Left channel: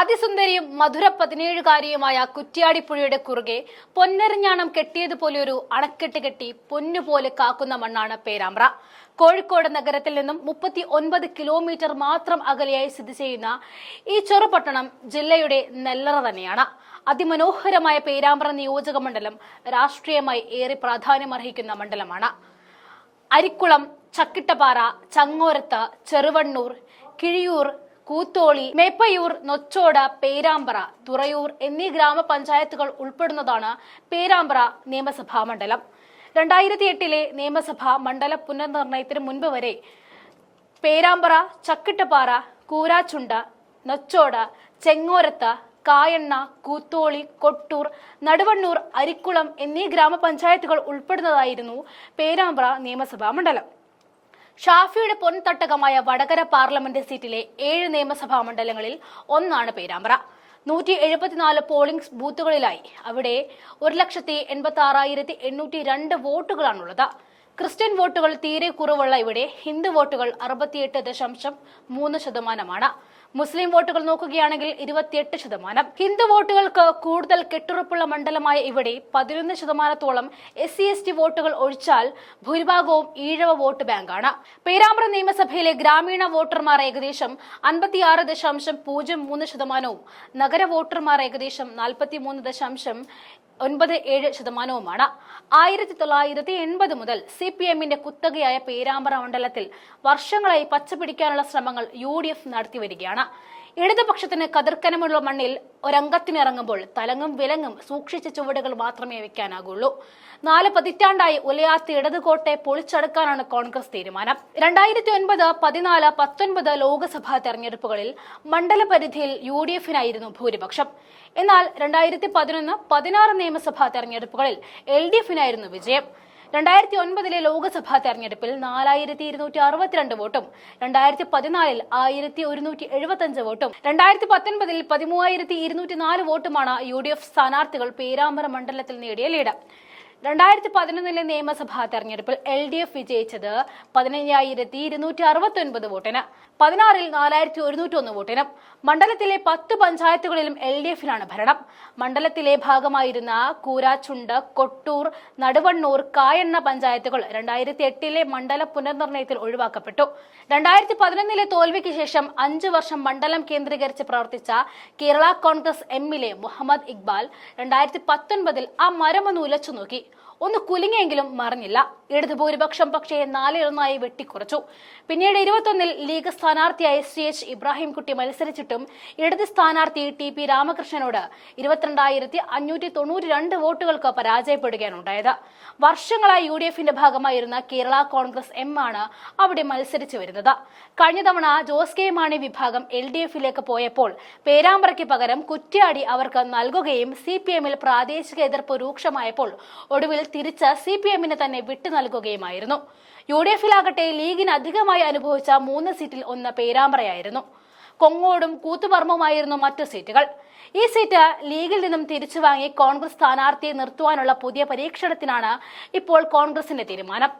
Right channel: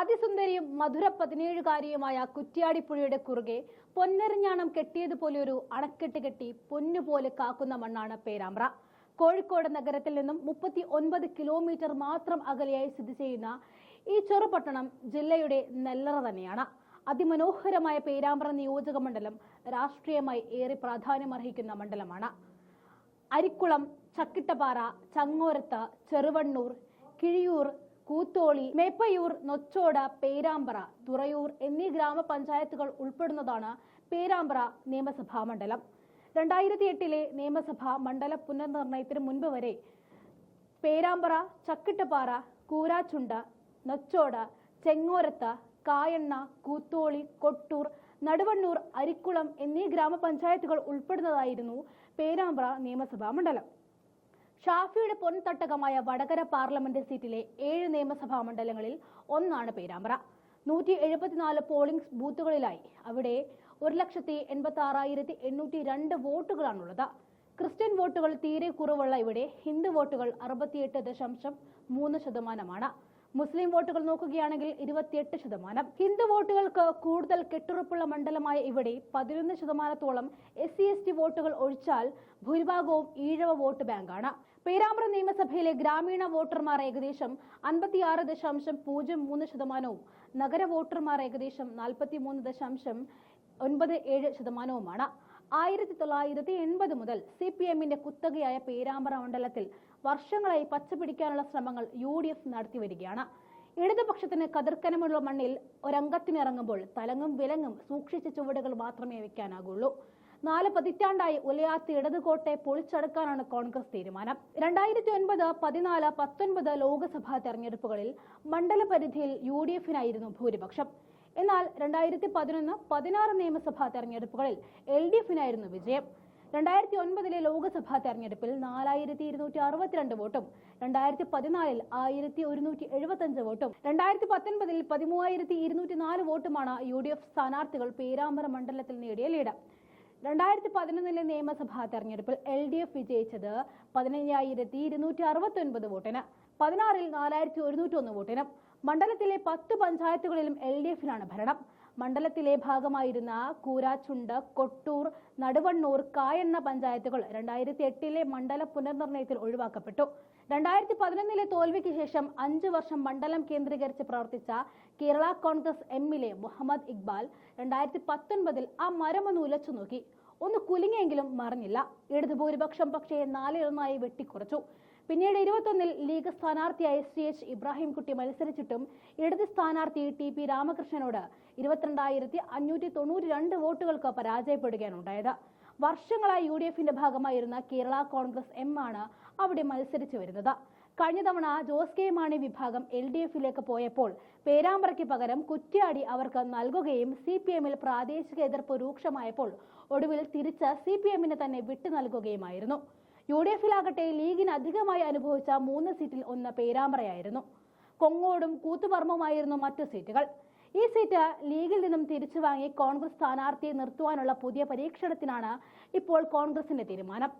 അതിസുന്ദരിയും മധുര 17കാരിയുമായ കുറ്റ്യാടിപ്പുഴയുടെ കുറുകെ പൊന്നരഞ്ഞാണം കെട്ടിയതുപോലെയൊരു അണക്കെട്ട് കെട്ടി പൊന്നുപോലെ കാക്കുന്ന മണ്ണാണ് പേരാമ്പ്ര. കോഴിക്കോട് നഗരത്തിൽ നിന്നും 39 കിലോമീറ്റർ മാത്രം അകലെയായി സ്ഥിതി ചെയ്യുന്ന ഈ ചെറുപട്ടണം ജില്ലയുടെ നെല്ലറ തന്നെയാണ്. അതിമനോഹരമായ പേരാമ്പ്ര നിയോജക മണ്ഡലം രാഷ്ട്രീയമായി ഏറെ പ്രാധാന്യമർഹിക്കുന്ന മണ്ഡലമാണ്. അരിക്കുളം, ചക്കിട്ടപ്പാറ, ചങ്ങോരത്ത്, ചെറുവണ്ണൂർ, കിഴിയൂർ, കൂത്തോളി, മേപ്പയൂർ, നൊച്ചോട്, പേരാമ്പ്ര, തുറയൂർ എന്നീ ഗ്രാമപഞ്ചായത്തുകൾ ഉൾപ്പെടുന്നതാണ് പേരാമ്പ്ര നിയമസഭാ മണ്ഡലം. 2008 നിയമസഭാ മണ്ഡല പുനർനിർണയത്തിന് മുൻപ് വരെ പേരാമ്പ്ര, ചക്കിട്ടപ്പാറ, കൂരാച്ചുണ്ട്, നൊച്ചോട്, ചെങ്ങോരത്ത്, കായണ്ണ, കൂത്തോളി, കൊട്ടൂർ, നടുവണ്ണൂർ, അരിക്കുളം എന്നീ ഗ്രാമപഞ്ചായത്തുകൾ ഉൾപ്പെടുന്നതായിരുന്നു പേരാമ്പ്ര നിയമസഭാ മണ്ഡലം. ഷാഫിയുടെ പൊൻതട്ടകമായ വടകര പാർലമെന്റ് സീറ്റിലെ 7 നിയമസഭാ മണ്ഡലങ്ങളിൽ ഒന്നാണ് പേരാമ്പ്ര. 174 പോളിംഗ് ബൂത്തുകളിലായി അവിടെ 1,86,802 വോട്ടുകളാണുള്ളത്. ക്രിസ്ത്യൻ വോട്ടുകൾ തീരെ കുറവുള്ള ഇവിടെ ഹിന്ദു വോട്ടുകൾ 68.3%. മുസ്ലിം വോട്ടുകൾ നോക്കുകയാണെങ്കിൽ 28%. ഹിന്ദു വോട്ടുകൾക്ക് കൂടുതൽ കെട്ടുറപ്പുള്ള മണ്ഡലമായ ഇവിടെ 11%-ഓളം SC/ST വോട്ടുകൾ ഒഴിച്ചാൽ ഭൂരിഭാഗവും ഈഴവ വോട്ട് ബാങ്കാണ്. പേരാമ്പ്ര നിയമസഭയിലെ ഗ്രാമീണ വോട്ടർമാർ ഏകദേശം 56.03%, നഗര വോട്ടർമാർ ഏകദേശം 43.97%. 1980 മുതൽ CPM-ന്റെ കുത്തകയായ പേരാമ്പ്ര മണ്ഡലത്തിൽ വർഷങ്ങളായി പച്ചപിടിക്കാനുള്ള ശ്രമങ്ങൾ UDF നടത്തിവരികയാണ്. ഇടതുപക്ഷത്തിന് കതിർക്കനമുള്ള മണ്ണിൽ ഒരംഗത്തിനിറങ്ങുമ്പോൾ തലങ്ങും വിലങ്ങും സൂക്ഷിച്ച ചുവടുകൾ മാത്രമേ വെക്കാനാകുള്ളൂ. 4 പതിറ്റാണ്ടായി ഉലയാത്ത ഇടതുകോട്ടെ പൊളിച്ചടുക്കാനാണ് കോൺഗ്രസ് തീരുമാനം. 2009, 14, 19 ലോക്സഭാ തെരഞ്ഞെടുപ്പുകളിൽ മണ്ഡലപരിധിയിൽ UDF-നായിരുന്നു ഭൂരിപക്ഷം. എന്നാൽ 2011, 16 നിയമസഭാ തെരഞ്ഞെടുപ്പുകളിൽ LDF-നായിരുന്നു വിജയം. 2009 ലോക്സഭാ തെരഞ്ഞെടുപ്പിൽ 4262 വോട്ടും 2014 1175 വോട്ടും 2019 13204 വോട്ടുമാണ് UDF സ്ഥാനാർത്ഥികൾ പേരാമ്പ്ര മണ്ഡലത്തിൽ നേടിയ ലീഡ്. 2011 നിയമസഭാ തെരഞ്ഞെടുപ്പിൽ LDF വിജയിച്ചത് 15,269 വോട്ടിന്, 16 4101 വോട്ടിനും. മണ്ഡലത്തിലെ 10 പഞ്ചായത്തുകളിലും LDF-നാണ് ഭരണം. മണ്ഡലത്തിലെ ഭാഗമായിരുന്ന കൂരാച്ചുണ്ട്, കൊട്ടൂർ, നടുവണ്ണൂർ, കായണ്ണ പഞ്ചായത്തുകൾ 2008 മണ്ഡല പുനർനിർണയത്തിൽ ഒഴിവാക്കപ്പെട്ടു. 2011 തോൽവിക്ക് ശേഷം 5 വർഷം മണ്ഡലം കേന്ദ്രീകരിച്ച് പ്രവർത്തിച്ച കേരള കോൺഗ്രസ് M-ലെ മുഹമ്മദ് ഇക്ബാൽ 2019 ആ മരമൊന്ന് ഉലച്ചു നോക്കി. ഒന്ന് കുലുങ്ങിയെങ്കിലും മറിഞ്ഞില്ല. ഇടതു ഭൂരിപക്ഷം പക്ഷേ 4-1 വെട്ടിക്കുറച്ചു. പിന്നീട് 21 ലീഗ് സ്ഥാനാർത്ഥിയായി CH ഇബ്രാഹിംകുട്ടി മത്സരിച്ചിട്ടും ഇടത് സ്ഥാനാർത്ഥി TP രാമകൃഷ്ണനോട് 22,592 വോട്ടുകൾക്ക് പരാജയപ്പെടുകയാണുണ്ടായത്. വർഷങ്ങളായി UDF-ന്റെ ഭാഗമായിരുന്ന കേരള കോൺഗ്രസ് M ആണ് അവിടെ മത്സരിച്ചു വരുന്നത്. കഴിഞ്ഞ തവണ ജോസ് കെ മാണി വിഭാഗം LDF-ലേക്ക് പോയപ്പോൾ പേരാമ്പ്രയ്ക്ക് പകരം കുറ്റ്യാടി അവർക്ക് നൽകുകയും CPM-ൽ പ്രാദേശിക എതിർപ്പ് രൂക്ഷമായപ്പോൾ ഒടുവിൽ തിരിച്ച് CPM-ന് തന്നെ വിട്ടു നൽകുകയുമായിരുന്നു. UDF-ലാകട്ടെ ലീഗിന് അധികമായി അനുഭവിച്ച 3 സീറ്റിൽ ഒന്ന് പേരാമ്പ്രയായിരുന്നു. കൊങ്ങോടും കൂത്തുപറമ്പുമായിരുന്നു മറ്റു സീറ്റുകൾ. ഈ സീറ്റ് ലീഗിൽ നിന്നും തിരിച്ചു വാങ്ങി കോൺഗ്രസ് സ്ഥാനാർത്ഥിയെ നിർത്തുവാനുള്ള പുതിയ പരീക്ഷണത്തിനാണ് ഇപ്പോൾ കോൺഗ്രസിന്റെ തീരുമാനം.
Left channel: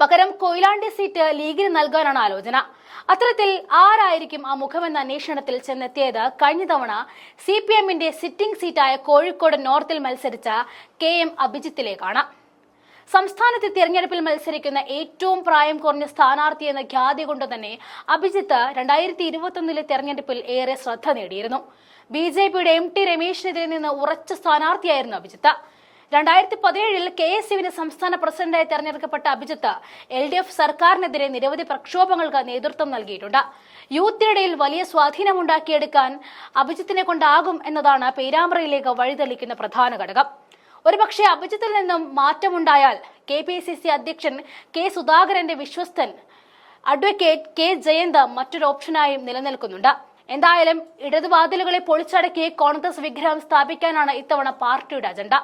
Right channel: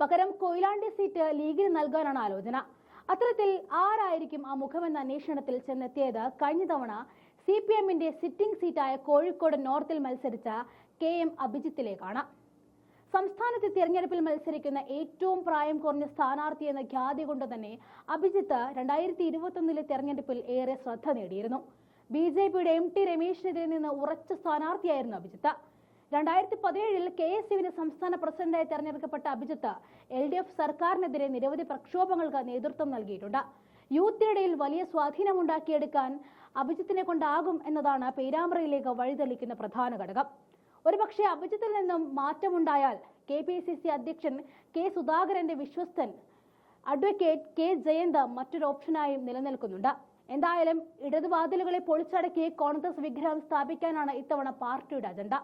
പകരം കൊയിലാണ്ടി സീറ്റ് ലീഗിന് നൽകാനാണ് ആലോചന. അത്തരത്തിൽ ആരായിരിക്കും ആ മുഖമെന്ന അന്വേഷണത്തിൽ ചെന്നെത്തിയത് കഴിഞ്ഞ തവണ CPM-ന്റെ സിറ്റിംഗ് സീറ്റായ കോഴിക്കോട് നോർത്തിൽ മത്സരിച്ച KM അഭിജിത്തിലേക്കാണ്. സംസ്ഥാനത്തെ തിരഞ്ഞെടുപ്പിൽ മത്സരിക്കുന്ന ഏറ്റവും പ്രായം കുറഞ്ഞ സ്ഥാനാർത്ഥി എന്ന ഖ്യാതി കൊണ്ട് തന്നെ അഭിജിത്ത് 2021 തെരഞ്ഞെടുപ്പിൽ ഏറെ ശ്രദ്ധ നേടിയിരുന്നു. BJP-യുടെ MT രമേശിനെതിരെ നിന്ന് ഉറച്ച സ്ഥാനാർത്ഥിയായിരുന്നു അഭിജിത്ത്. 2017 KSUവിന് സംസ്ഥാന പ്രസിഡന്റായി തെരഞ്ഞെടുക്കപ്പെട്ട അഭിജിത്ത് LDF സർക്കാരിനെതിരെ നിരവധി പ്രക്ഷോഭങ്ങൾക്ക് നേതൃത്വം നൽകിയിട്ടുണ്ട്. യൂത്തിനിടയിൽ വലിയ സ്വാധീനമുണ്ടാക്കിയെടുക്കാൻ അഭിജിത്തിനെ കൊണ്ടാകും എന്നതാണ് പേരാമ്പ്രയിലേക്ക് വഴിതെളിക്കുന്ന പ്രധാന ഘടകം. ഒരുപക്ഷെ അഭിജിത്തിൽ നിന്നും മാറ്റമുണ്ടായാൽ KPCC അധ്യക്ഷൻ K സുധാകരന്റെ വിശ്വസ്തൻ അഡ്വക്കേറ്റ് K ജയന്ത് മറ്റൊരു ഓപ്ഷനായും നിലനിൽക്കുന്നുണ്ട്. എന്തായാലും ഇടതുവാതിലുകളെ പൊളിച്ചടക്കി കോൺഗ്രസ് വിഗ്രഹം സ്ഥാപിക്കാനാണ് ഇത്തവണ പാർട്ടിയുടെ അജണ്ട.